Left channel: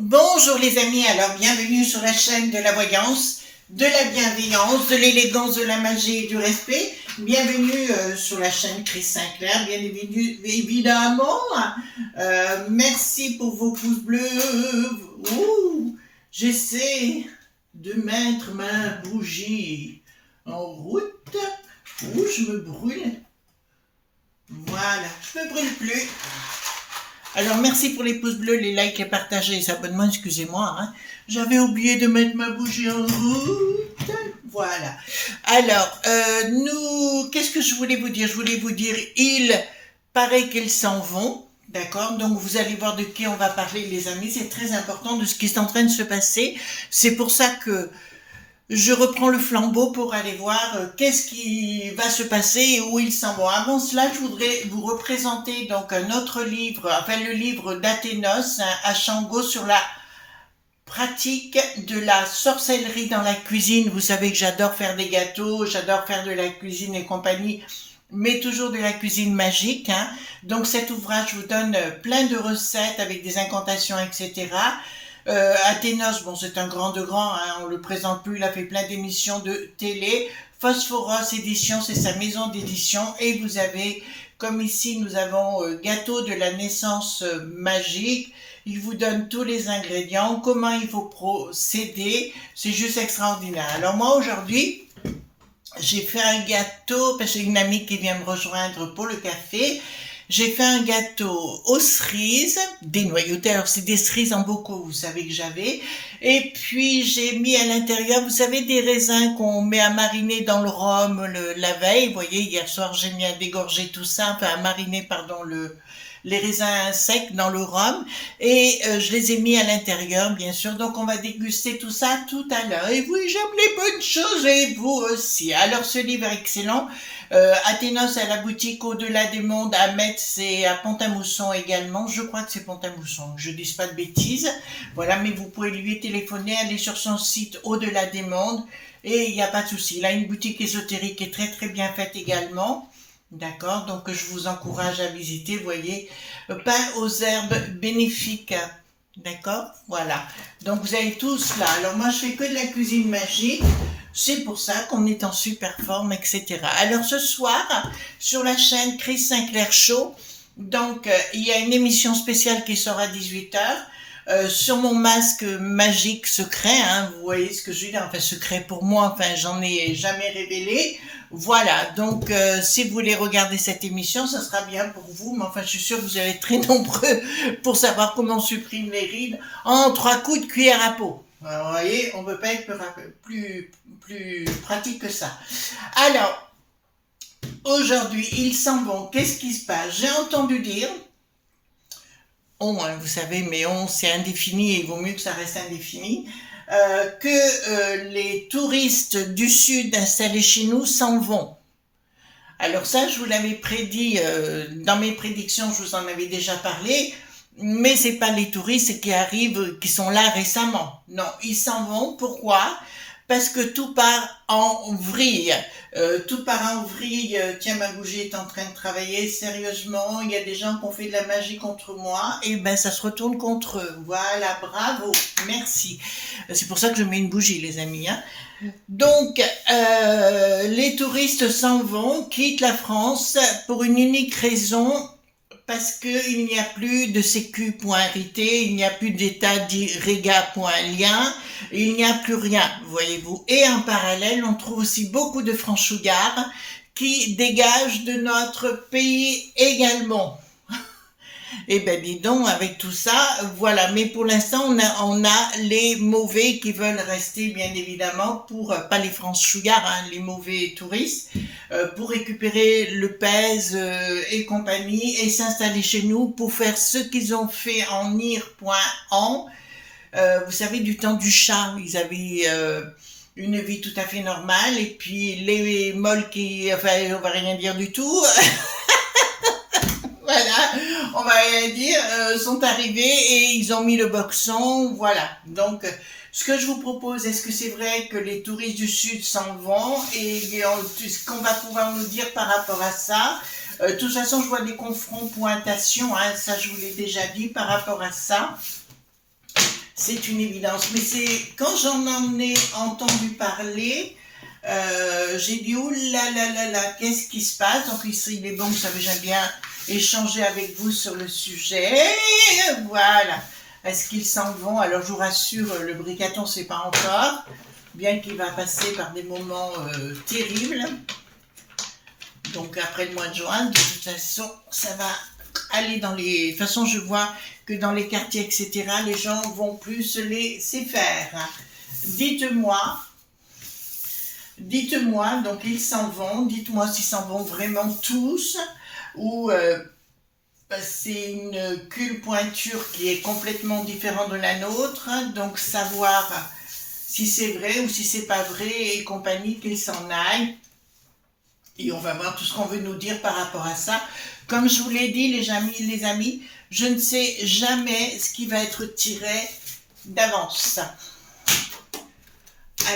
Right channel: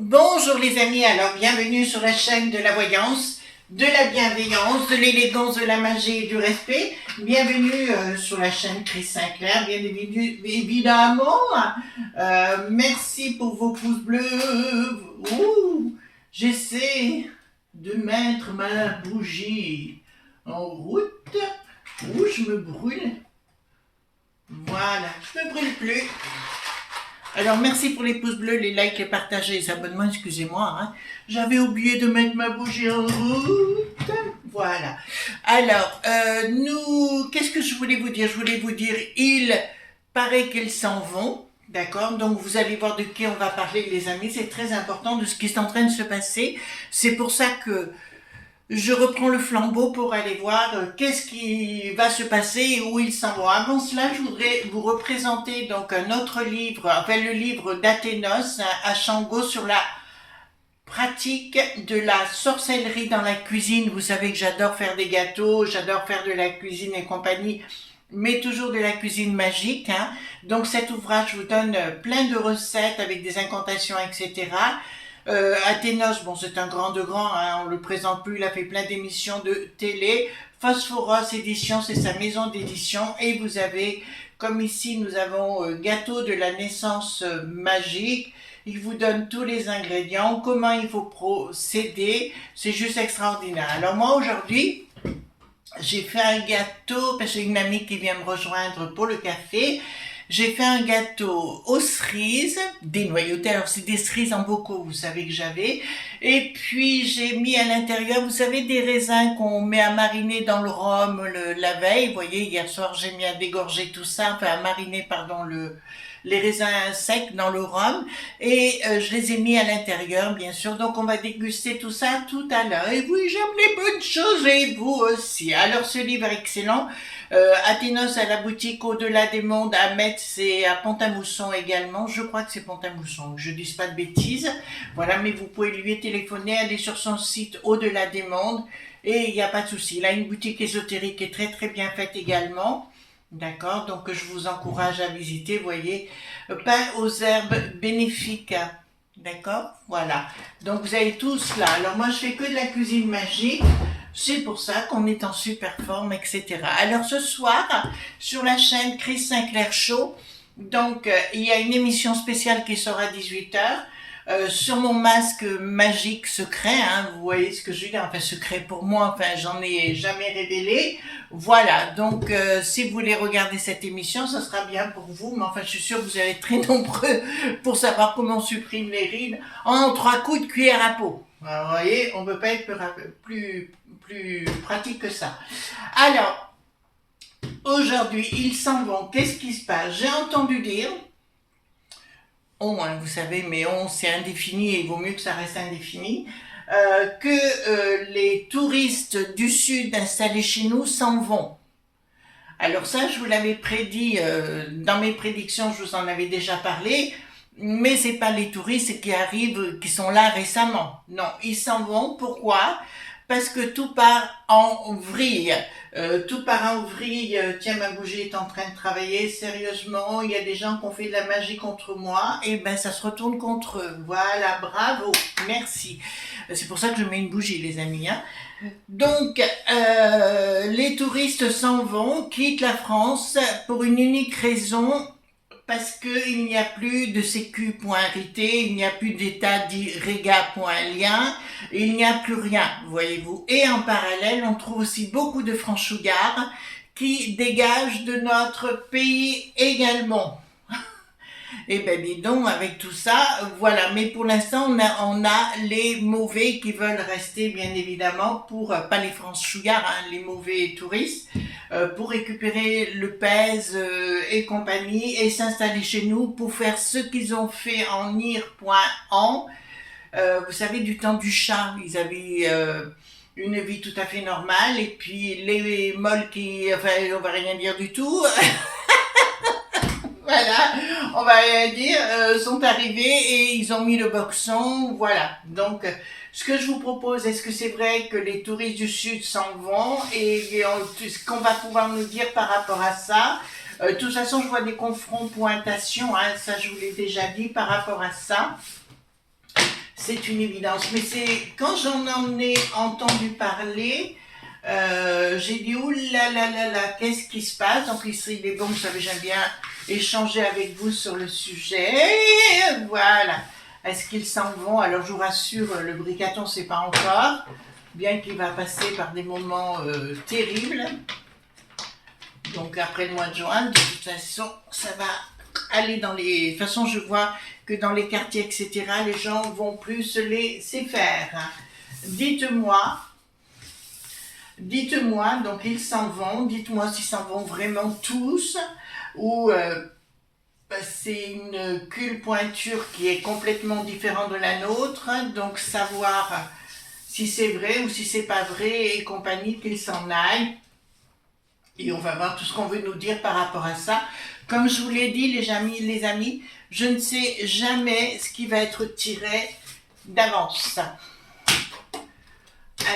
Bonjour les amis, alors bienvenue sur la chaîne de la voyance, de la bienveillance, de l'élégance, de la magie et du respect. Bienvenue sur la chaîne Chris Sinclair, bien évidemment. Merci pour vos pouces bleus. Ouh, j'essaie de mettre ma bougie en route. Ouh, je me brûle. Voilà, je me brûle plus. Alors, merci pour les pouces bleus, les likes, les partages et les abonnements, excusez-moi. Hein. J'avais oublié de mettre ma bougie en route. Voilà. Alors, qu'est-ce que je voulais vous dire? Je voulais vous dire, il paraît qu'ils s'en vont. D'accord? Donc, vous allez voir de qui on va parler, les amis. C'est très important de ce qui est en train de se passer. C'est pour ça que je reprends le flambeau pour aller voir qu'est-ce qui va se passer et où ils s'en vont. Avant cela, je voudrais vous représenter donc un autre livre, enfin le livre d'Athénos à Shango sur la pratique de la sorcellerie dans la cuisine. Vous savez que j'adore faire des gâteaux, j'adore faire de la cuisine et compagnie, mais toujours de la cuisine magique. Hein. Donc cet ouvrage vous donne plein de recettes avec des incantations, etc. Athénos, bon, c'est un grand de grand, hein, on le présente plus, il a fait plein d'émissions de télé. Phosphoros Édition, c'est sa maison d'édition. Et vous avez, comme ici, nous avons Gâteau de la naissance magique. Il vous donne tous les ingrédients, comment il faut procéder. C'est juste extraordinaire. Alors moi, aujourd'hui, j'ai fait un gâteau, parce que j'ai une amie qui vient me rejoindre pour le café. J'ai fait un gâteau aux cerises, dénoyauté, alors c'est des cerises en bocaux, vous savez que j'avais. Et puis j'ai mis à l'intérieur, vous savez, des raisins qu'on met à mariner dans le rhum la veille. Vous voyez, hier soir j'ai mis à dégorger tout ça, enfin à mariner, pardon, les raisins secs dans le rhum. Et je les ai mis à l'intérieur, bien sûr. Donc on va déguster tout ça tout à l'heure. Et oui, j'aime les bonnes choses et vous aussi. Alors ce livre est excellent. Athénos à la boutique Au-delà des mondes à Metz et à Pont-à-Mousson également. Je crois que c'est Pont-à-Mousson, que je dise pas de bêtises. Voilà, mais vous pouvez lui téléphoner, aller sur son site Au-delà des mondes et il n'y a pas de souci. Il a une boutique ésotérique qui est très très bien faite également. D'accord, donc je vous encourage à visiter, voyez, pain aux herbes bénéfiques. D'accord, voilà. Donc vous avez tout cela. Alors moi je fais que de la cuisine magique. C'est pour ça qu'on est en super forme, etc. Alors ce soir, sur la chaîne Chris Sinclair Show, donc il y a une émission spéciale qui sort à 18h. Sur mon masque magique secret, hein, vous voyez ce que je veux dire, enfin secret pour moi, enfin j'en ai jamais révélé. Voilà, donc si vous voulez regarder cette émission, ça sera bien pour vous, mais enfin je suis sûre que vous allez être très nombreux pour savoir comment on supprime les rides en 3 coups de cuillère à peau. Alors, vous voyez, on ne peut pas être plus pratique que ça. Alors, aujourd'hui, ils s'en vont. Qu'est-ce qui se passe? J'ai entendu dire, vous savez, mais c'est indéfini et il vaut mieux que ça reste indéfini, que les touristes du Sud installés chez nous s'en vont. Alors ça, je vous l'avais prédit dans mes prédictions, je vous en avais déjà parlé, mais c'est pas les touristes qui arrivent, qui sont là récemment. Non, ils s'en vont. Pourquoi? Parce que tout part en vrille. Tout part en vrille. Tiens, ma bougie est en train de travailler sérieusement. Il y a des gens qui ont fait de la magie contre moi. Et ben, ça se retourne contre eux. Voilà, bravo, merci. C'est pour ça que je mets une bougie, les amis. Hein. Donc, les touristes s'en vont, quittent la France pour une unique raison, parce qu'il n'y a plus de sécu.rit, il n'y a plus d'état d'irréga.lien, il n'y a plus rien, voyez-vous. Et en parallèle, on trouve aussi beaucoup de franchouillards qui dégagent de notre pays également. Eh ben dis donc, avec tout ça, voilà. Mais pour l'instant, on a les mauvais qui veulent rester, bien évidemment, pour, pas les franchouillards, hein, les mauvais touristes, pour récupérer le pèse et compagnie et s'installer chez nous pour faire ce qu'ils ont fait en ir.en. Vous savez, du temps du chat, ils avaient une vie tout à fait normale et puis les molles qui, enfin, on va rien dire du tout. Voilà, on va rien dire, sont arrivés et ils ont mis le boxon, voilà. Donc, ce que je vous propose, est-ce que c'est vrai que les touristes du Sud s'en vont et ce qu'on va pouvoir nous dire par rapport à ça? De toute façon, je vois des confrontations, hein, ça je vous l'ai déjà dit par rapport à ça. c'est une évidence. Mais c'est quand j'en ai entendu parler, j'ai dit ouh là là là là, qu'est-ce qui se passe? Donc ici, il est bon, vous savez, j'aime bien échanger avec vous sur le sujet. Voilà. Est-ce qu'ils s'en vont? Alors je vous rassure, le bricaton, c'est pas encore, bien qu'il va passer par des moments terribles. Donc après le mois de juin, de toute façon, ça va aller dans les... De toute façon, je vois que dans les quartiers, etc., les gens vont plus se laisser faire. Dites-moi, donc ils s'en vont, dites-moi s'ils s'en vont vraiment tous, ou c'est une pointure qui est complètement différente de la nôtre, donc savoir si c'est vrai ou si c'est pas vrai et compagnie, qu'ils s'en aillent. Et on va voir tout ce qu'on veut nous dire par rapport à ça. Comme je vous l'ai dit, les amis, je ne sais jamais ce qui va être tiré d'avance.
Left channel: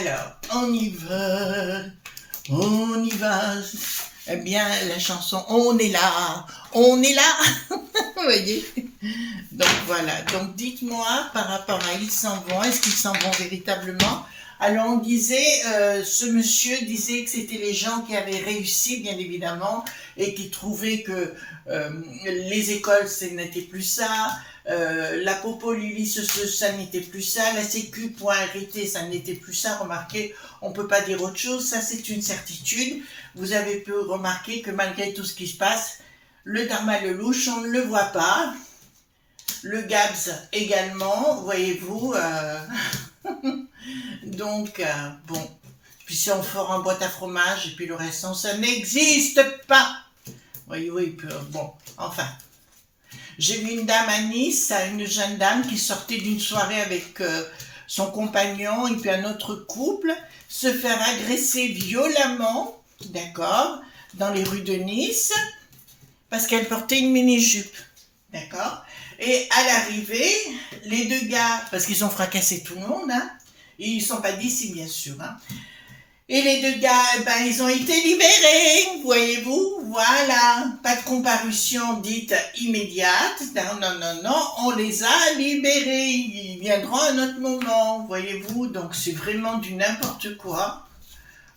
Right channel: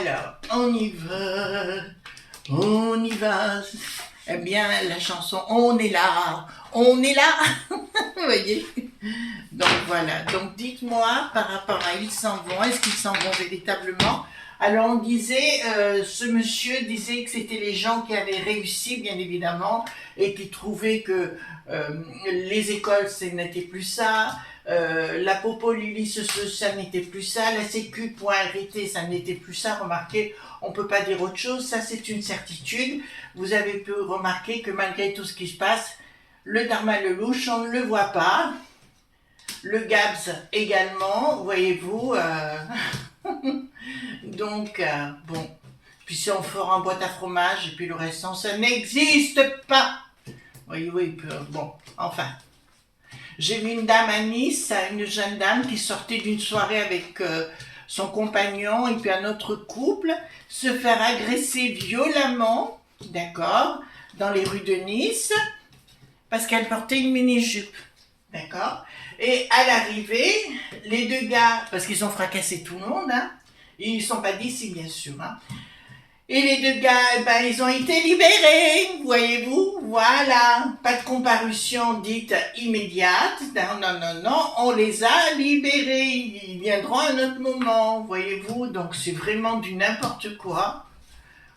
Alors, on y va. Eh bien, la chanson, on est là. Vous voyez? Donc voilà, donc dites-moi par rapport à ils s'en vont, est-ce qu'ils s'en vont véritablement? Alors on disait, ce monsieur disait que c'était les gens qui avaient réussi, bien évidemment, et qui trouvaient que les écoles, ce n'était plus ça, la Popoli, ça n'était plus ça, la Sécu.RT, ça n'était plus ça. Remarquez, on ne peut pas dire autre chose, ça c'est une certitude. Vous avez pu remarquer que malgré tout ce qui se passe, le Dharma Lelouch, on ne le voit pas. Le GABS également, voyez-vous. Donc, bon. Puis si on fera en boîte à fromage, et puis le restant, ça n'existe pas. Voyez-vous, bon, enfin. J'ai vu une dame à Nice, une jeune dame qui sortait d'une soirée avec son compagnon et puis un autre couple, se faire agresser violemment, d'accord, dans les rues de Nice, parce qu'elle portait une mini-jupe, d'accord. Et à l'arrivée, les deux gars, parce qu'ils ont fracassé tout le monde, hein, et ils ne sont pas d'ici, bien sûr, hein. Et les deux gars, ben, ils ont été libérés, voyez-vous, voilà. Pas de comparution dite immédiate, non, on les a libérés, ils viendront à un autre moment, voyez-vous. Donc c'est vraiment du n'importe quoi.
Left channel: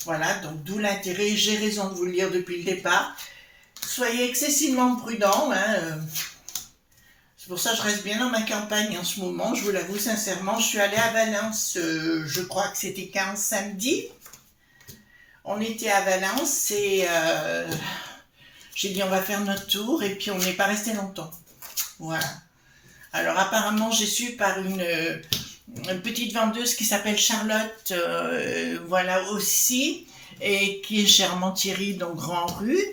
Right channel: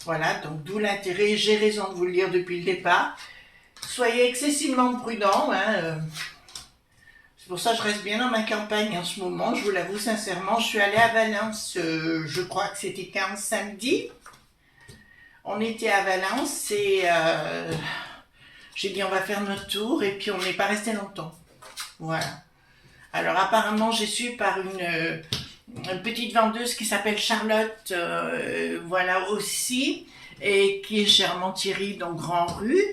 Voilà, donc d'où l'intérêt, j'ai raison de vous le dire depuis le départ. Soyez excessivement prudents, hein. C'est pour ça que je reste bien dans ma campagne en ce moment, je vous l'avoue sincèrement. Je suis allée à Valence, je crois que c'était 15 samedi. On était à Valence et j'ai dit on va faire notre tour et puis on n'est pas resté longtemps. Voilà. Alors apparemment j'ai su par une petite vendeuse qui s'appelle Charlotte, voilà aussi, et qui est chez Armand-Thierry, donc Grand Rue,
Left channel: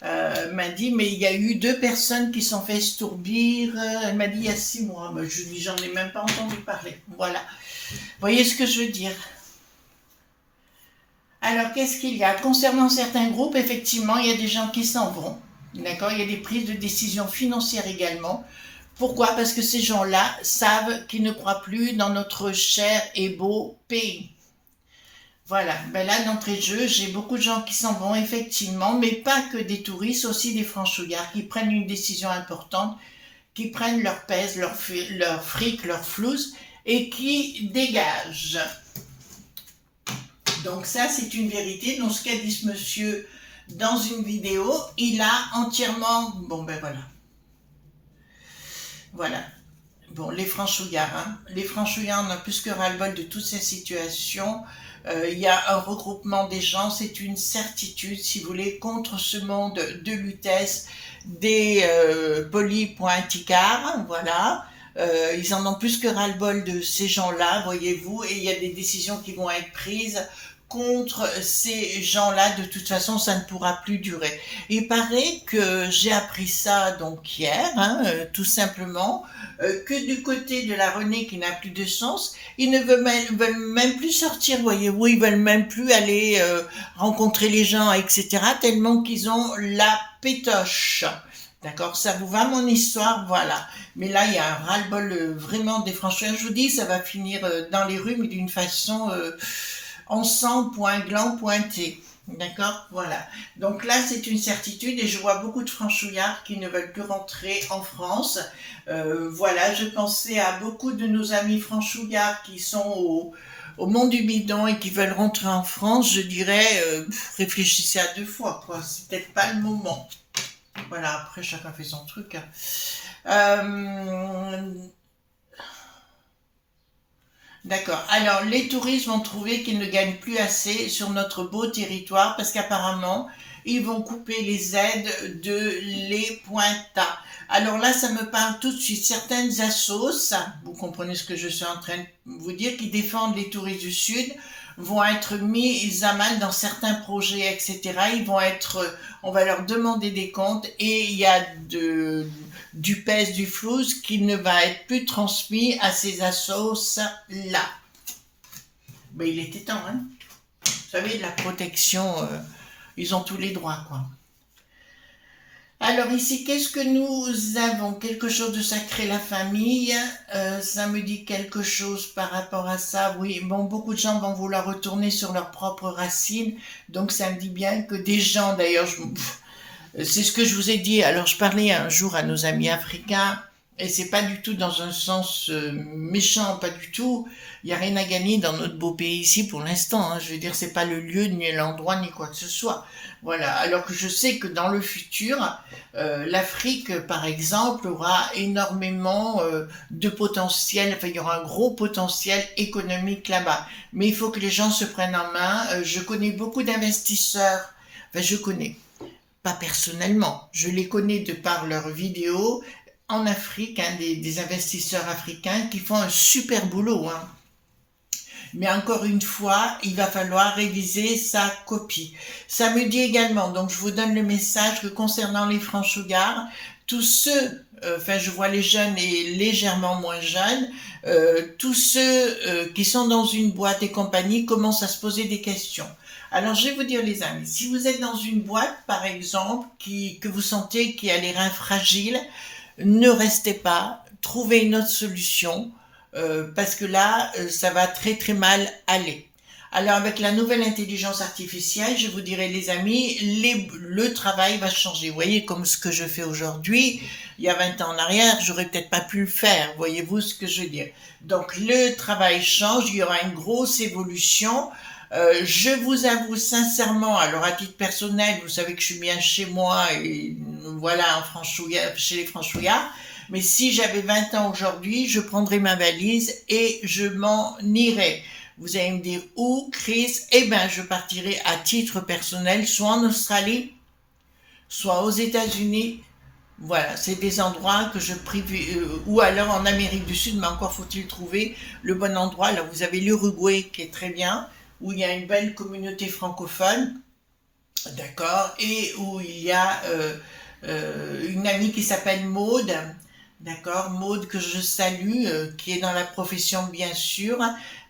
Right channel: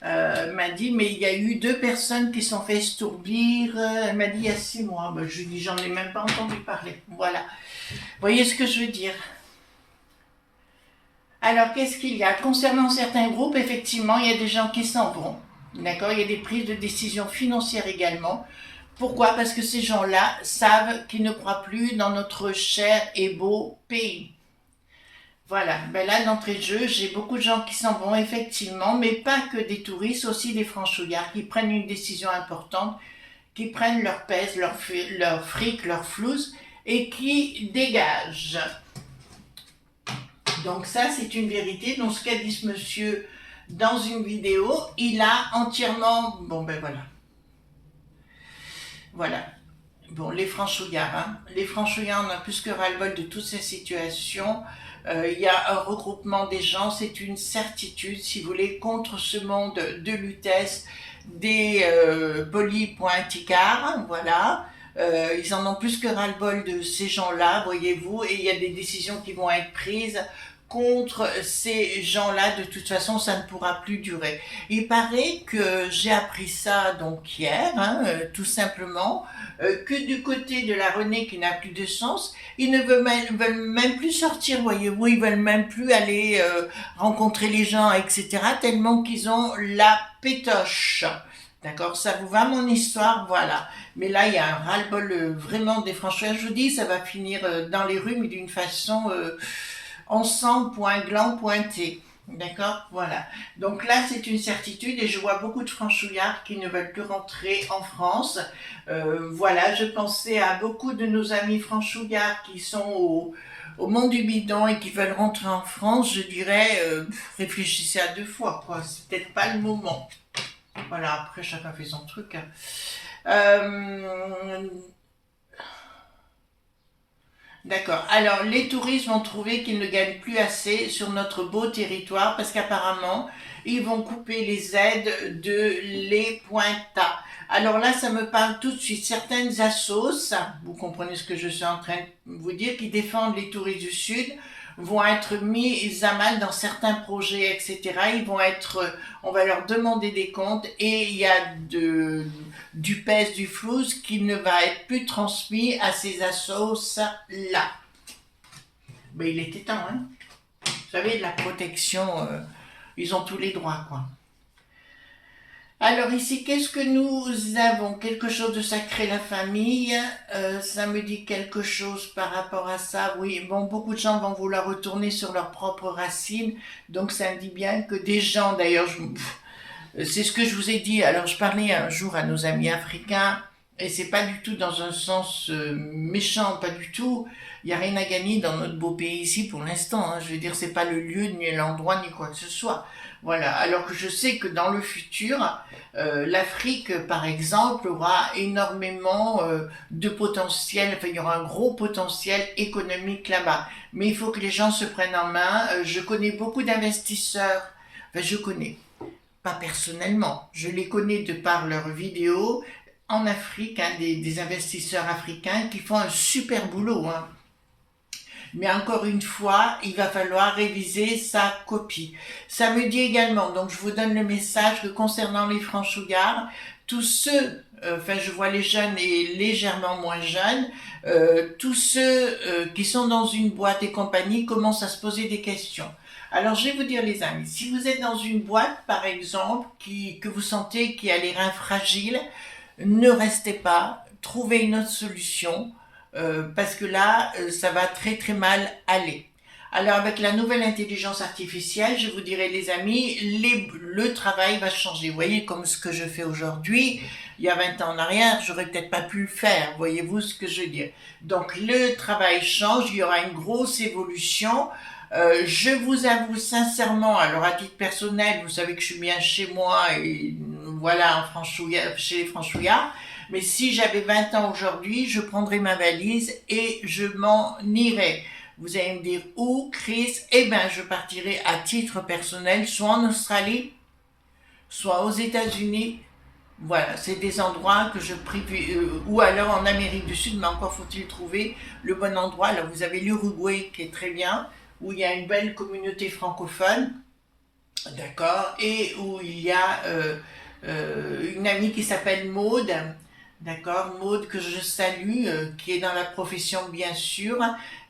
m'a dit mais il y a eu 2 personnes qui sont fait stourbir, elle m'a dit il y a 6 mois, ben, je lui dis j'en ai même pas entendu parler. Voilà. Vous voyez ce que je veux dire? Alors, qu'est-ce qu'il y a? Concernant certains groupes, effectivement, il y a des gens qui s'en vont. D'accord? Il y a des prises de décision financières également. Pourquoi? Parce que ces gens-là savent qu'ils ne croient plus dans notre cher et beau pays. Voilà. Ben là, d'entrée de jeu, j'ai beaucoup de gens qui s'en vont, effectivement, mais pas que des touristes, aussi des franchouillards qui prennent une décision importante, qui prennent leur pèse, leur fric, leur flouze, et qui dégagent. Donc ça, c'est une vérité. Donc ce qu'a dit ce monsieur dans une vidéo, il a entièrement... Bon, ben voilà. Voilà. Bon, les franchouillards, hein. Les franchouillards, on a plus que ras-le-bol de toutes ces situations. Il y a un regroupement des gens, c'est une certitude, si vous voulez, contre ce monde de lutesse des polis.ticards, voilà. Ils en ont plus que ras-le-bol de ces gens-là, voyez-vous, et il y a des décisions qui vont être prises contre ces gens-là. De toute façon, ça ne pourra plus durer. Il paraît que j'ai appris ça donc hier, hein, tout simplement, que du côté de la Renée qui n'a plus de sens, ils ne veulent même plus sortir, voyez-vous, ils veulent même plus aller rencontrer les gens, etc., tellement qu'ils ont la pétoche. D'accord, ça vous va mon histoire, voilà. Mais là, il y a un ras-le-bol vraiment des franchouillards. Je vous dis, ça va finir dans les rues, mais d'une façon ensemble, point gland, pointé. D'accord? Voilà. Donc là, c'est une certitude et je vois beaucoup de franchouillards qui ne veulent plus rentrer en France. Voilà, je pensais à beaucoup de nos amis franchouillards qui sont au Mont du Bidon et qui veulent rentrer en France. Je dirais, réfléchissez à deux fois, quoi. C'est peut-être pas le moment. Voilà, après, chacun fait son truc, hein. Euh, D'accord. Alors, les touristes vont trouver qu'ils ne gagnent plus assez sur notre beau territoire parce qu'apparemment, ils vont couper les aides de les Pointa. Alors là, ça me parle tout de suite. Certaines assos, vous comprenez ce que je suis en train de vous dire, qui défendent les touristes du Sud, vont être mis à mal dans certains projets, etc. Ils vont être, on va leur demander des comptes et il y a du pèse, du flou qui ne va être plus transmis à ces assos-là. Ben, il était temps, hein. Vous savez, de la protection, ils ont tous les droits, quoi. Alors ici, qu'est-ce que nous avons? Quelque chose de sacré, la famille. Ça me dit quelque chose par rapport à ça. Oui, bon, beaucoup de gens vont vouloir retourner sur leurs propres racines. Donc ça me dit bien que des gens, d'ailleurs, c'est ce que je vous ai dit. Alors, je parlais un jour à nos amis africains, et c'est pas du tout dans un sens méchant, pas du tout. Il n'y a rien à gagner dans notre beau pays ici pour l'instant, hein. Je veux dire, c'est pas le lieu, ni l'endroit, ni quoi que ce soit. Voilà. Alors que je sais que dans le futur, l'Afrique, par exemple, aura énormément de potentiel. Enfin, il y aura un gros potentiel économique là-bas. Mais il faut que les gens se prennent en main. Je connais beaucoup d'investisseurs. Enfin, je connais pas personnellement, je les connais de par leurs vidéos en Afrique, hein, des investisseurs africains qui font un super boulot, hein. Mais encore une fois, il va falloir réviser sa copie. Ça me dit également, donc je vous donne le message que concernant les franchouillards, tous ceux, enfin je vois les jeunes et légèrement moins jeunes, tous ceux qui sont dans une boîte et compagnie commencent à se poser des questions. Alors je vais vous dire les amis, si vous êtes dans une boîte par exemple que vous sentez qui a les reins fragiles, ne restez pas, trouvez une autre solution parce que là, ça va très très mal aller. Alors avec la nouvelle intelligence artificielle, je vous dirais les amis, le travail va changer. Vous voyez comme ce que je fais aujourd'hui, il y a 20 ans en arrière, j'aurais peut-être pas pu le faire. Voyez-vous ce que je veux dire? Donc le travail change, il y aura une grosse évolution. Je vous avoue sincèrement, alors à titre personnel, vous savez que je suis bien chez moi et voilà, chez les franchouillards. Mais si j'avais 20 ans aujourd'hui, je prendrais ma valise et je m'en irais. Vous allez me dire où, Chris? Eh bien, je partirai à titre personnel, soit en Australie, soit aux États-Unis. Voilà, c'est des endroits que je privilégie, ou alors en Amérique du Sud, mais encore faut-il trouver le bon endroit. Alors, vous avez l'Uruguay qui est très bien, où il y a une belle communauté francophone, d'accord, et où il y a une amie qui s'appelle Maude, d'accord, Maude que je salue, qui est dans la profession bien sûr,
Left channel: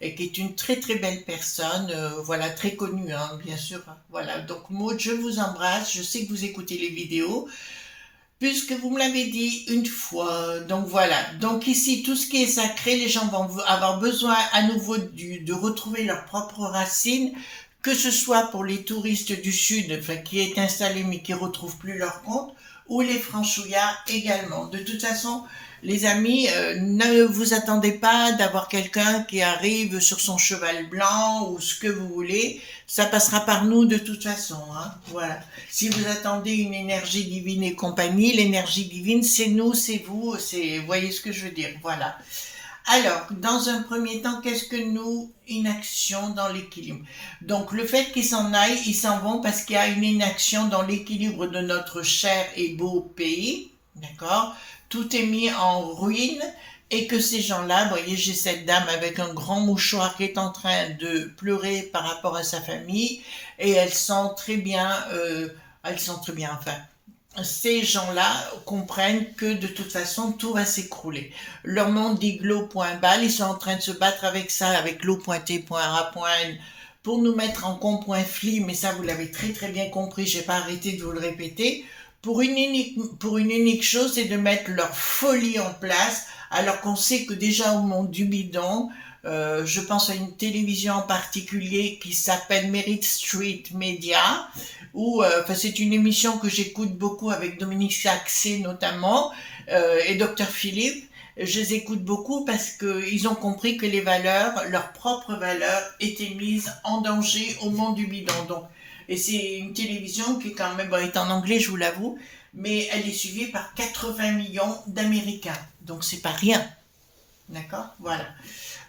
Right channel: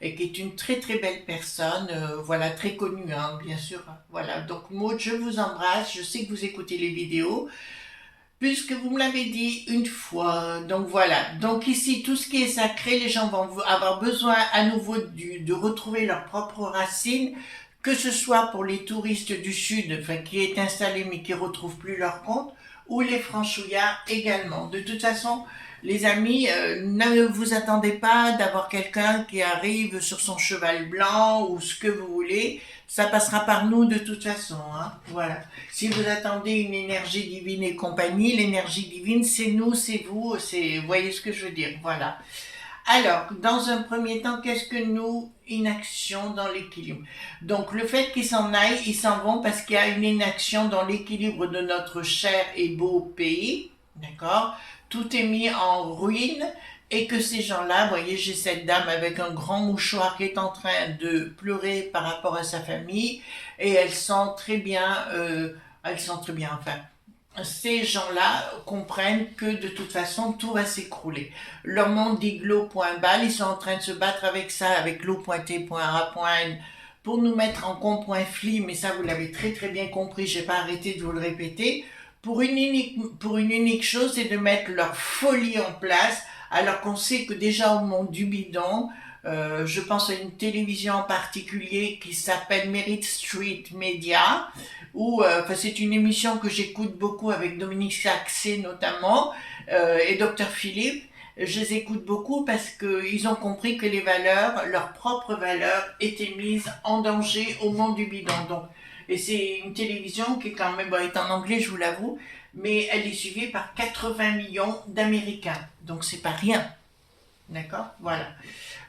et qui est une très très belle personne, voilà, très connue, hein, bien sûr, voilà. Donc Maude, je vous embrasse, je sais que vous écoutez les vidéos, puisque vous me l'avez dit une fois. Donc voilà. Donc ici, tout ce qui est sacré, les gens vont avoir besoin à nouveau de retrouver leurs propres racines, que ce soit pour les touristes du Sud, enfin, qui est installé mais qui ne retrouvent plus leur compte, ou les franchouillards également. De toute façon, les amis, ne vous attendez pas d'avoir quelqu'un qui arrive sur son cheval blanc ou ce que vous voulez. Ça passera par nous de toute façon, hein. Voilà. Si vous attendez une énergie divine et compagnie, l'énergie divine, c'est nous, c'est vous, vous voyez ce que je veux dire. Voilà. Alors, dans un premier temps, qu'est-ce que nous, inaction dans l'équilibre? Donc, le fait qu'ils s'en aillent, ils s'en vont parce qu'il y a une inaction dans l'équilibre de notre cher et beau pays, d'accord? Tout est mis en ruine et que ces gens-là, vous voyez, j'ai cette dame avec un grand mouchoir qui est en train de pleurer par rapport à sa famille et elles sont très bien, enfin, ces gens-là comprennent que de toute façon tout va s'écrouler. Leur monde dit glow.bal, ils sont en train de se battre avec ça, avec glow.t.ra.n pour nous mettre en com.fli, mais ça vous l'avez très très bien compris, je n'ai pas arrêté de vous le répéter, pour une unique chose, c'est de mettre leur folie en place alors qu'on sait que déjà au monde du bidon, je pense à une télévision en particulier qui s'appelle Merit Street Media, où c'est une émission que j'écoute beaucoup avec Dominique Saxé notamment, et Dr Philippe. Je les écoute beaucoup parce qu'ils ont compris que les valeurs, leurs propres valeurs, étaient mises en danger au monde du bidon. Donc, et c'est une télévision qui est quand même, bon, est en anglais, je vous l'avoue, mais elle est suivie par 80 millions d'Américains. Donc c'est pas rien. D'accord? Voilà.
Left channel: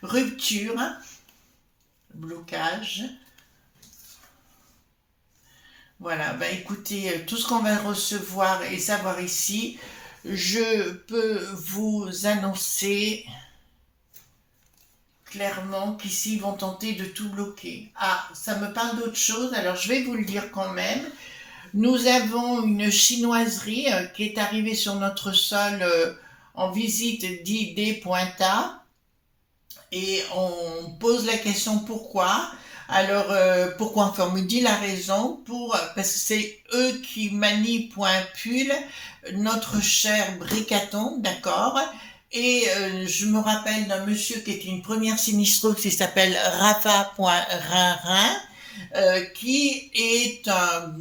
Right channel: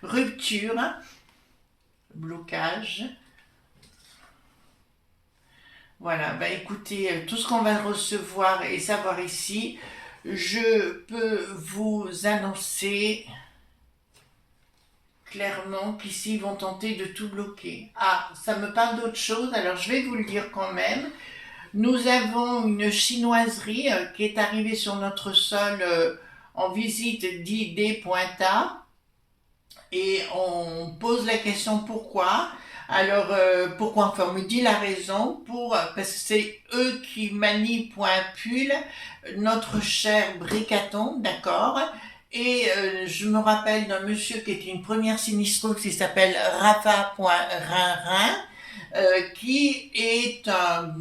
Rupture, blocage. Voilà, bah écoutez, tout ce qu'on va recevoir et savoir ici, je peux vous annoncer clairement qu'ici ils vont tenter de tout bloquer. Ah, ça me parle d'autre chose, alors je vais vous le dire quand même. Nous avons une chinoiserie qui est arrivée sur notre sol en visite d'ID.A et on pose la question pourquoi. Alors pourquoi, enfin on me dit la raison, parce que c'est eux qui manipulent notre cher Bricaton, d'accord. Et je me rappelle d'un monsieur qui était une première sinistreuse qui s'appelle Rafa.Rinrin, qui est un,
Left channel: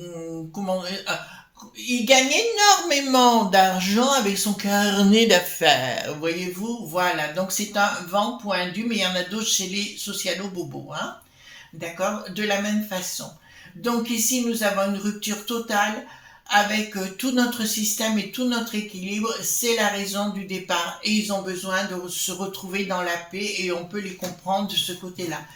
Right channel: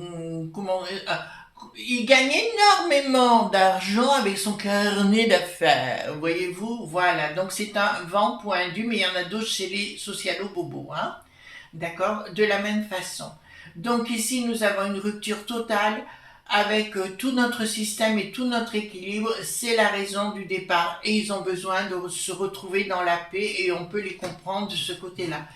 il gagne énormément d'argent avec son carnet d'affaires, voyez-vous, voilà, donc c'est un vent pointu, mais il y en a d'autres chez les socialo-bobos, hein, d'accord, de la même façon. Donc ici, nous avons une rupture totale avec tout notre système et tout notre équilibre, c'est la raison du départ, et ils ont besoin de se retrouver dans la paix, et on peut les comprendre de ce côté-là.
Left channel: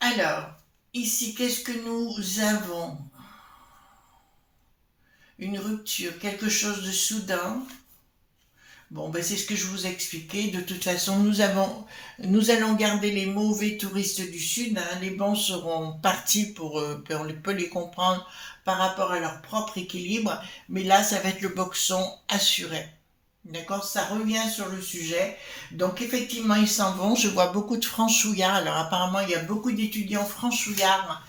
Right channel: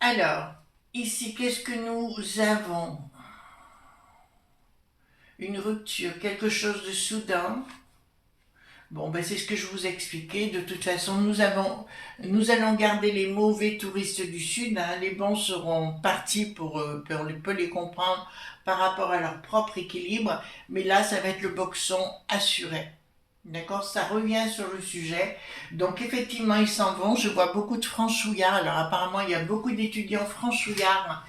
Alors, ici, qu'est-ce que nous avons? Une rupture, quelque chose de soudain. Bon, ben c'est ce que je vous expliquais. De toute façon, nous allons garder les mauvais touristes du Sud, hein. Les bons seront partis pour les comprendre par rapport à leur propre équilibre. Mais là, ça va être le boxon assuré. D'accord? Ça revient sur le sujet. Donc, effectivement, ils s'en vont. Je vois beaucoup de franchouillards. Alors, apparemment, il y a beaucoup d'étudiants franchouillards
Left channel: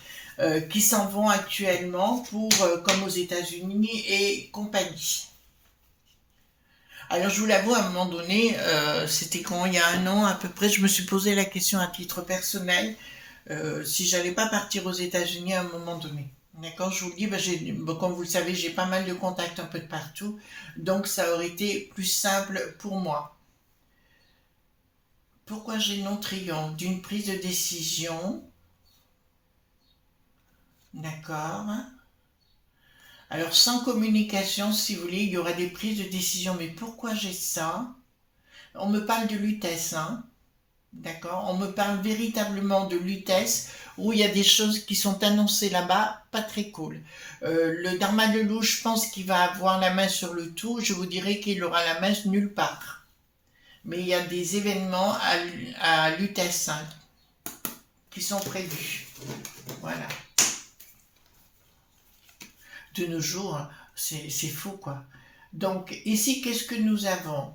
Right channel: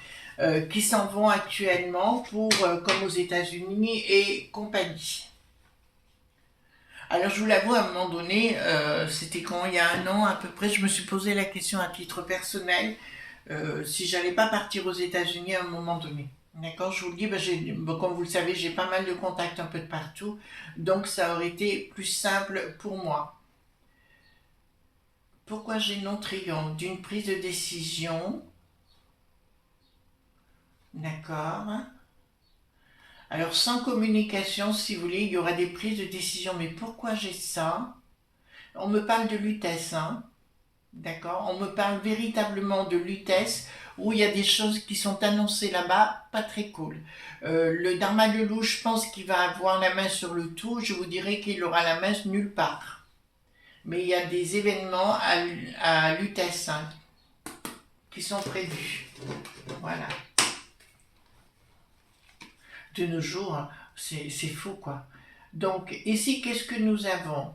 qui s'en vont actuellement comme aux États-Unis et compagnie. Alors je vous l'avoue, à un moment donné, c'était quand il y a 1 an à peu près, je me suis posé la question à titre personnel si j'allais pas partir aux États-Unis à un moment donné. D'accord, je vous le dis, comme vous le savez, j'ai pas mal de contacts un peu de partout, donc ça aurait été plus simple pour moi. Pourquoi j'ai non-triomphe? D'une prise de décision. D'accord. Alors, sans communication, si vous voulez, il y aura des prises de décision. Mais pourquoi j'ai ça? On me parle de lutèce, hein? D'accord? On me parle véritablement de lutèce, où il y a des choses qui sont annoncées là-bas, pas très cool. Le Dharma de Loup, je pense qu'il va avoir la main sur le tout. Je vous dirais qu'il aura la main nulle part. Mais il y a des événements à lutèce, hein, qui sont prévus. Voilà. De nos jours, c'est fou, quoi. Donc, ici, qu'est-ce que nous avons?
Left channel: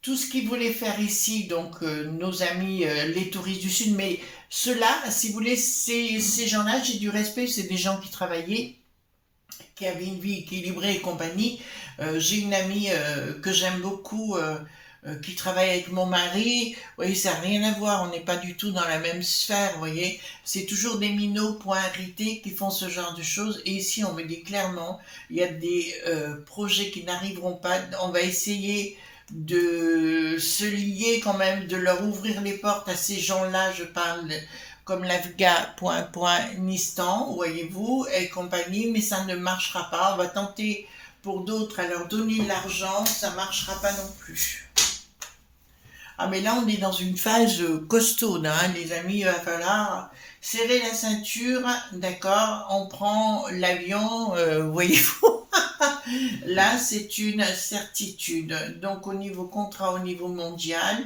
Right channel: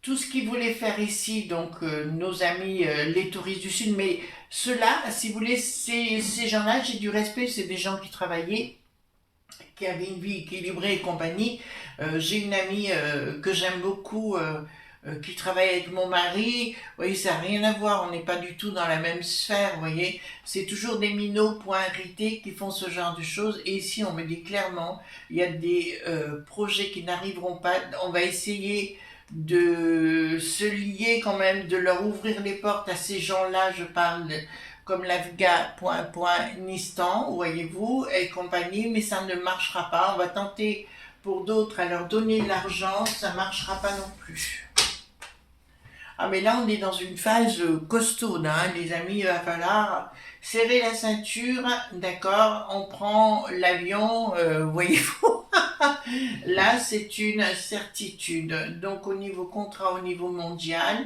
Tout ce qu'ils voulaient faire ici, donc nos amis, les touristes du Sud, mais ceux-là, si vous voulez, ces gens-là, j'ai du respect, c'est des gens qui travaillaient, qui avaient une vie équilibrée et compagnie. J'ai une amie que j'aime beaucoup, qui travaille avec mon mari. Vous voyez, ça n'a rien à voir, on n'est pas du tout dans la même sphère, vous voyez. C'est toujours des minots point irrités qui font ce genre de choses. Et ici, on me dit clairement, il y a des projets qui n'arriveront pas. On va essayer de se lier quand même, de leur ouvrir les portes à ces gens-là, je parle comme l'Afghanistan, voyez-vous, et compagnie, mais ça ne marchera pas. On va tenter pour d'autres à leur donner de l'argent, ça ne marchera pas non plus. Ah mais là on est dans une phase costaude, hein, les amis, il va falloir serrer la ceinture, d'accord, on prend l'avion, voyez-vous. Là c'est une certitude, donc au niveau contrat, au niveau mondial,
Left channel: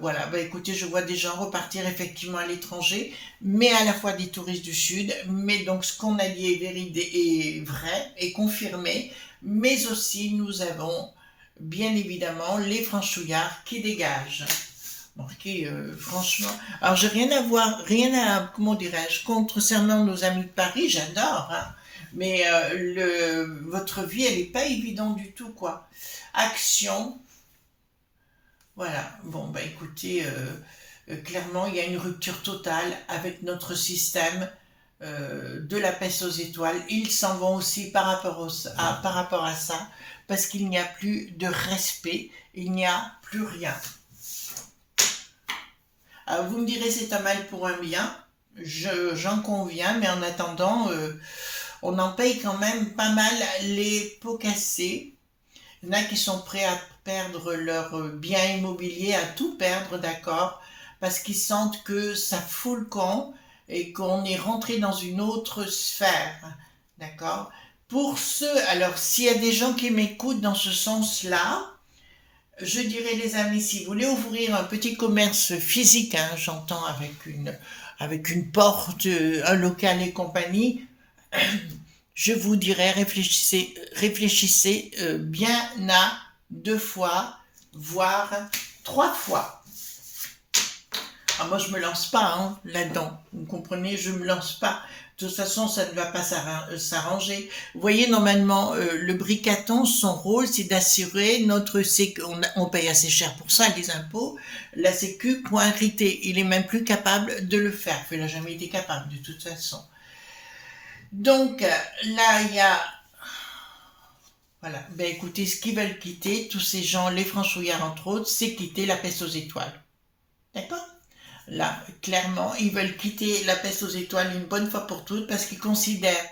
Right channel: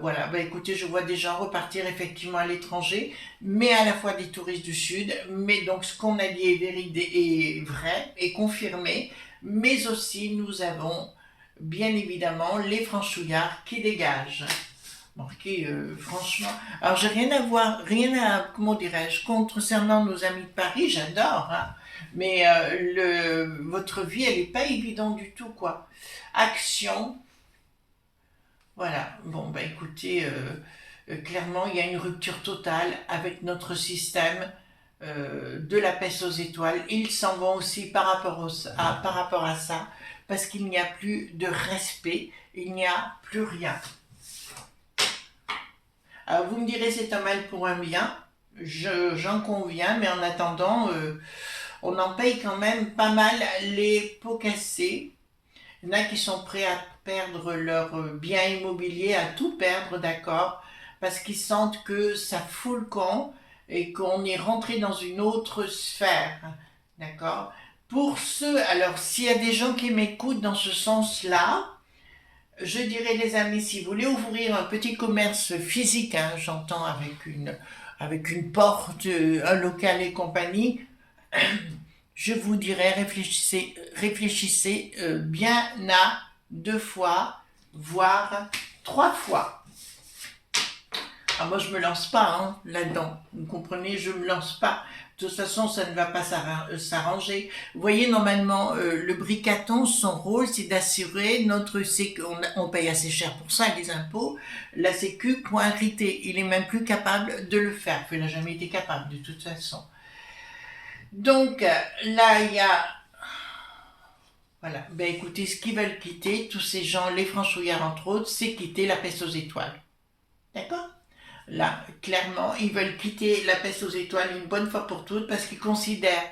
voilà, bah écoutez, je vois des gens repartir effectivement à l'étranger, mais à la fois des touristes du Sud, mais donc ce qu'on a dit est vrai, est confirmé, mais aussi nous avons bien évidemment les franchouillards qui dégagent. Marqué, franchement, alors j'ai rien à voir, comment dirais-je, concernant nos amis de Paris, j'adore, hein. Mais votre vie, elle n'est pas évidente du tout, quoi. Action, voilà. Bon, bah écoutez, clairement, il y a une rupture totale avec notre système de la peste aux étoiles. Ils s'en vont aussi par rapport à ça, parce qu'il n'y a plus de respect, il n'y a plus rien. Alors, vous me direz c'est un mal pour un bien, j'en conviens, mais en attendant, on en paye quand même pas mal les pots cassés. Il y en a qui sont prêts à perdre leur bien immobilier, à tout perdre, d'accord, parce qu'ils sentent que ça fout le camp et qu'on est rentré dans une autre sphère, d'accord. Pour ceux, alors s'il y a des gens qui m'écoutent dans ce sens-là, je dirais les amis, si vous voulez ouvrir un petit commerce physique, hein, j'entends avec une porte, un local et compagnie, je vous dirais réfléchissez bien à 2 fois, voire 3 fois. Ah, moi, je me lance pas hein, là-dedans. Vous comprenez, je me lance pas. De toute façon, ça ne va pas s'arranger. Vous voyez, normalement, le bricaton, son rôle, c'est d'assurer notre sécu. On paye assez cher pour ça, les impôts. La sécu, point arrêté. Il est même plus capable de le faire. Il n'a jamais été capable, de toute façon. Donc, là, il y a... Voilà. Ben, écoutez, ce qu'ils veulent quitter, tous ces gens, les franchouillards entre autres, c'est quitter la peste aux étoiles. D'accord ? Là, clairement, ils veulent quitter la peste aux étoiles une bonne fois pour toutes parce qu'ils considèrent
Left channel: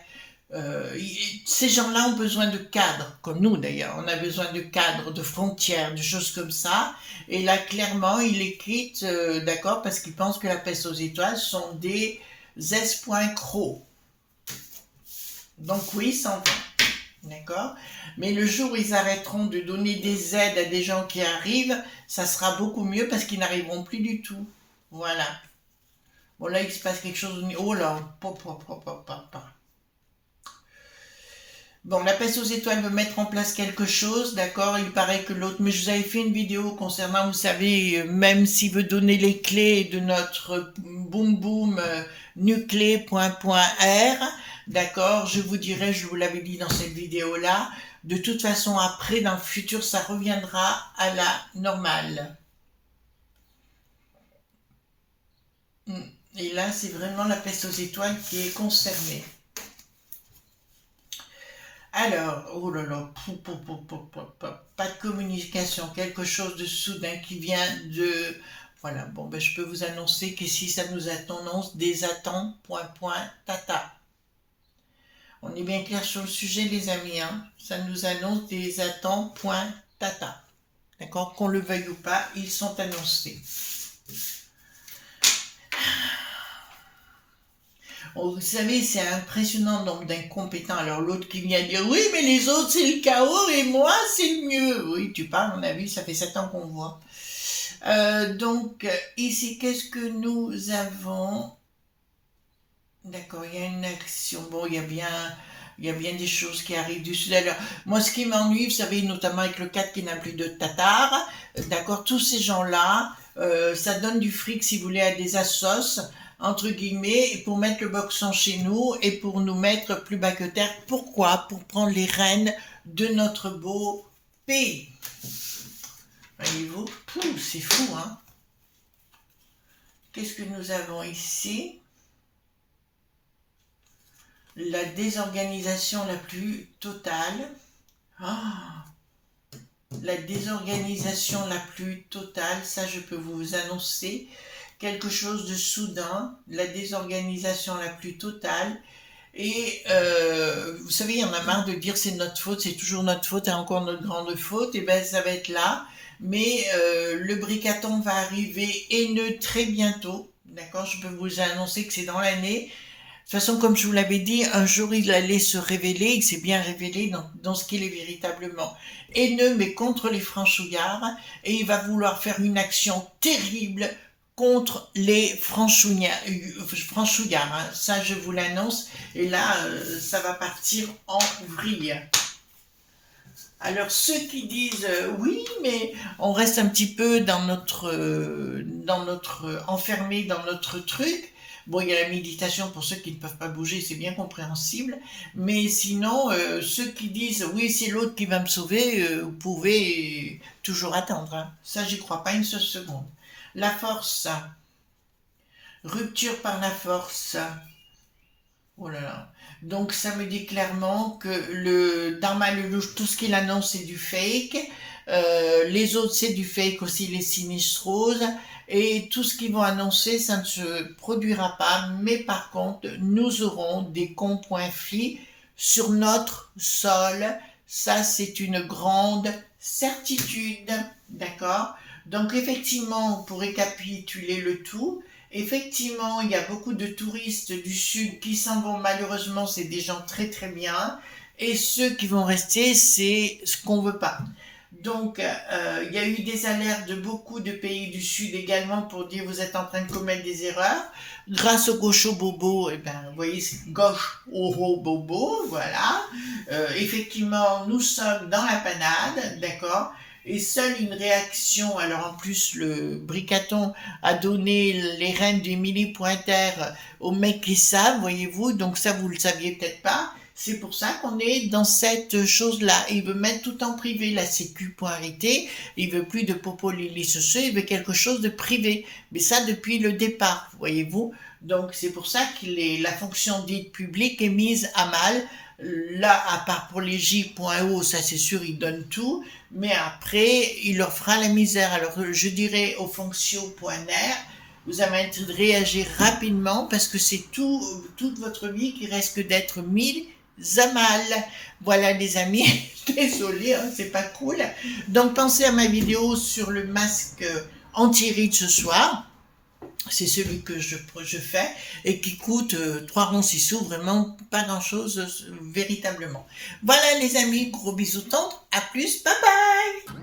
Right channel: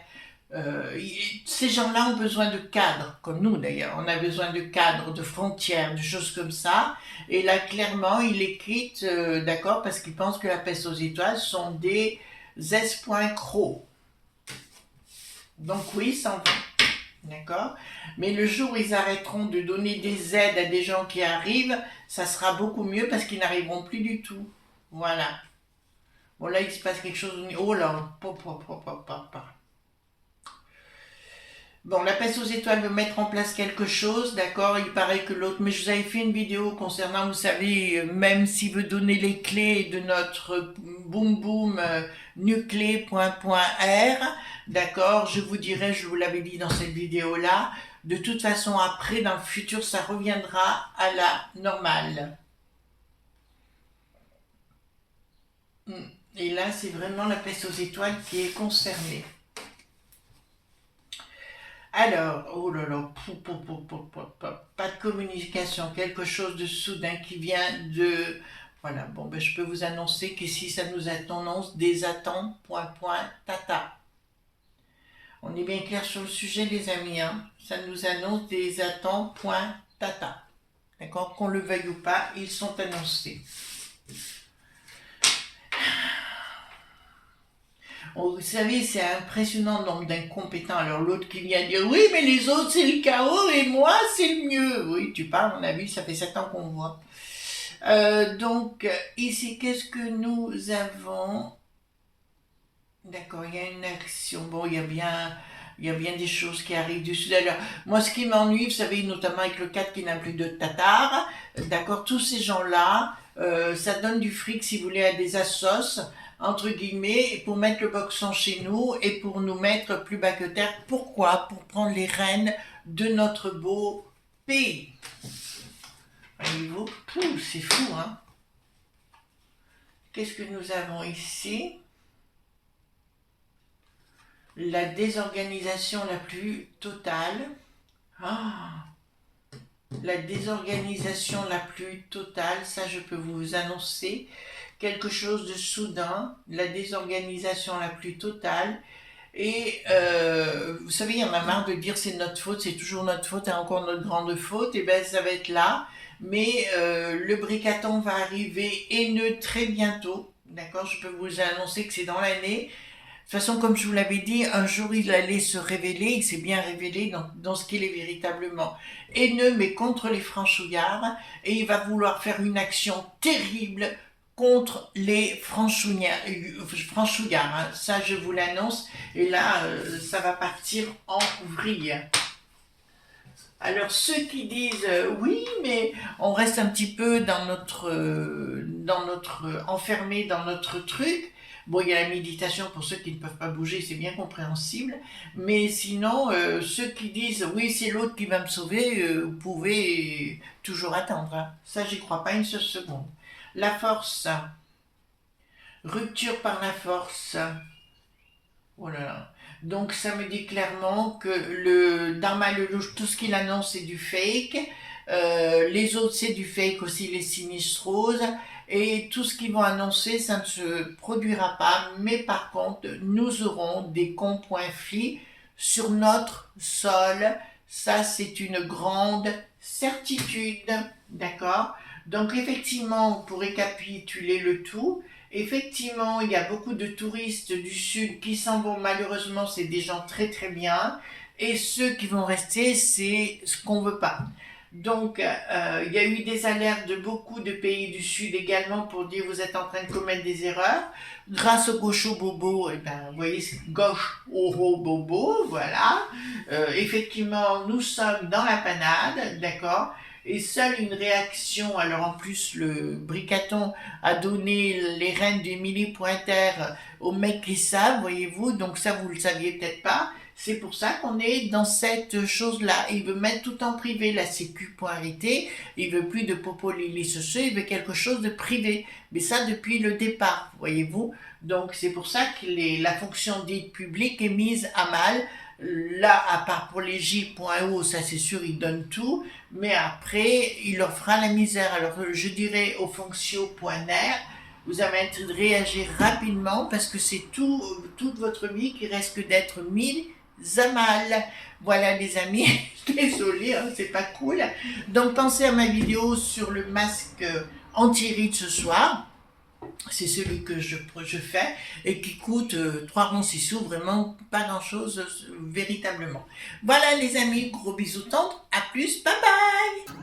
ces gens-là ont besoin de cadres, comme nous d'ailleurs. On a besoin de cadres, de frontières, de choses comme ça. Et là, clairement, ils les quittent, d'accord, parce qu'ils pensent que la peste aux étoiles sont des espoincrocs. Donc oui, ils s'en vont. D'accord. Mais le jour où ils arrêteront de donner des aides à des gens qui arrivent, ça sera beaucoup mieux parce qu'ils n'arriveront plus du tout. Voilà. Bon, là, il se passe quelque chose. Oh là, Bon, la peste aux étoiles veut mettre en place quelque chose, d'accord. Il paraît que l'autre... Mais je vous avais fait une vidéo concernant, vous savez, même s'il veut donner les clés de notre boom boom nuclé.r, d'accord. Je vous dirai, je vous l'avais dit dans cette vidéo-là, de toute façon, après, dans le futur, ça reviendra à la normale. Et là, c'est vraiment la peste aux étoiles qui est concernée. Alors, oh là là, pas de communication, quelque chose de soudain qui vient de... Voilà, bon, ben, je peux vous annoncer qu'ici, ça nous annonce des attentes, tata. On est bien clair sur le sujet, les amis, hein. Ça nous annonce des attentes, tata. D'accord, qu'on le veuille ou pas, ils sont annoncés. Vous savez, c'est impressionnant le nombre d'incompétents. Alors l'autre qui vient dire, oui, mais les autres, c'est le chaos et moi, c'est le mieux. Oui, tu parles, à mon avis, ça fait 7 ans qu'on voit. Donc, ici, qu'est-ce que nous avons? D'accord, il y a une action. Bon, il y a bien des choses qui arrivent du sud. Alors, moi, ce qui m'ennuie, vous savez, notamment avec le 4 qui n'a plus de Tatars, d'accord, tous ces gens-là, ça donne du fric, si vous voulez, à des assos, entre guillemets, pour mettre le boxon chez nous et pour nous mettre plus bas que terre. Pourquoi? Pour prendre les rênes de notre beau pays. Voyez-vous? C'est fou, hein? Qu'est-ce que nous avons ici? La désorganisation la plus totale. La désorganisation la plus totale, ça je peux vous annoncer. Quelque chose de soudain, la désorganisation la plus totale. Et vous savez, il y en a marre de dire c'est notre faute, c'est toujours notre faute et encore notre grande faute. Et bien ça va être là. Mais le bricaton va arriver haineux très bientôt. D'accord, je peux vous annoncer que c'est dans l'année. De toute façon, comme je vous l'avais dit, un jour il allait se révéler, il s'est bien révélé dans ce qu'il est véritablement haineux, mais contre les franchouillards, et il va vouloir faire une action terrible contre les franchouillards. Hein. Ça, je vous l'annonce, et là, ça va partir en vrille. Alors ceux qui disent oui, mais on reste un petit peu dans notre enfermé dans notre truc. Bon, il y a la méditation pour ceux qui ne peuvent pas bouger, c'est bien compréhensible. Mais sinon, ceux qui disent oui, c'est l'autre qui va me sauver, vous pouvez toujours attendre, hein. Ça, j'y crois pas une seule seconde. La force, rupture par la force. Oh là là. Donc ça me dit clairement que le Dharma Lelouch, tout ce qu'il annonce, c'est du fake. Les autres, c'est du fake aussi, les sinistres roses. Et tout ce qu'ils vont annoncer, ça ne se produira pas. Mais par contre, nous aurons des conpoints sur notre sol. Ça, c'est une grande certitude. D'accord? Donc effectivement, pour récapituler le tout, effectivement, il y a beaucoup de touristes du sud qui s'en vont. Malheureusement, c'est des gens très très bien. Et ceux qui vont rester, c'est ce qu'on veut pas. Donc, il y a eu des alertes de beaucoup de pays du Sud également pour dire vous êtes en train de commettre des erreurs. Grâce au gaucho bobo, eh ben, vous voyez, c'est gauche oro bobo, voilà. Effectivement, nous sommes dans la panade, d'accord. Et seule une réaction, alors en plus le Bricaton a donné les rênes d'Émilie Pointer aux mecs qui savent, voyez-vous, donc ça vous le saviez peut-être pas. C'est pour ça qu'on est dans cette chose-là. Il veut mettre tout en privé, la sécu point arrêté. Il veut plus de popo lili ce, il veut quelque chose de privé. Mais ça depuis le départ, voyez-vous. Donc c'est pour ça que la fonction dite publique est mise à mal. Là, à part pour les J.O, ça c'est sûr, il donne tout. Mais après, il leur fera la misère. Alors je dirais aux fonctions.net, vous avez intérêt de réagir rapidement parce que c'est toute votre vie qui risque d'être mise à mal. Voilà les amis, désolé, hein, c'est pas cool. Donc pensez à ma vidéo sur le masque anti-ride ce soir. C'est celui que je fais et qui coûte 3 ronds 6 sous, vraiment pas grand chose véritablement. Voilà les amis, gros bisous tendres, à plus, bye bye.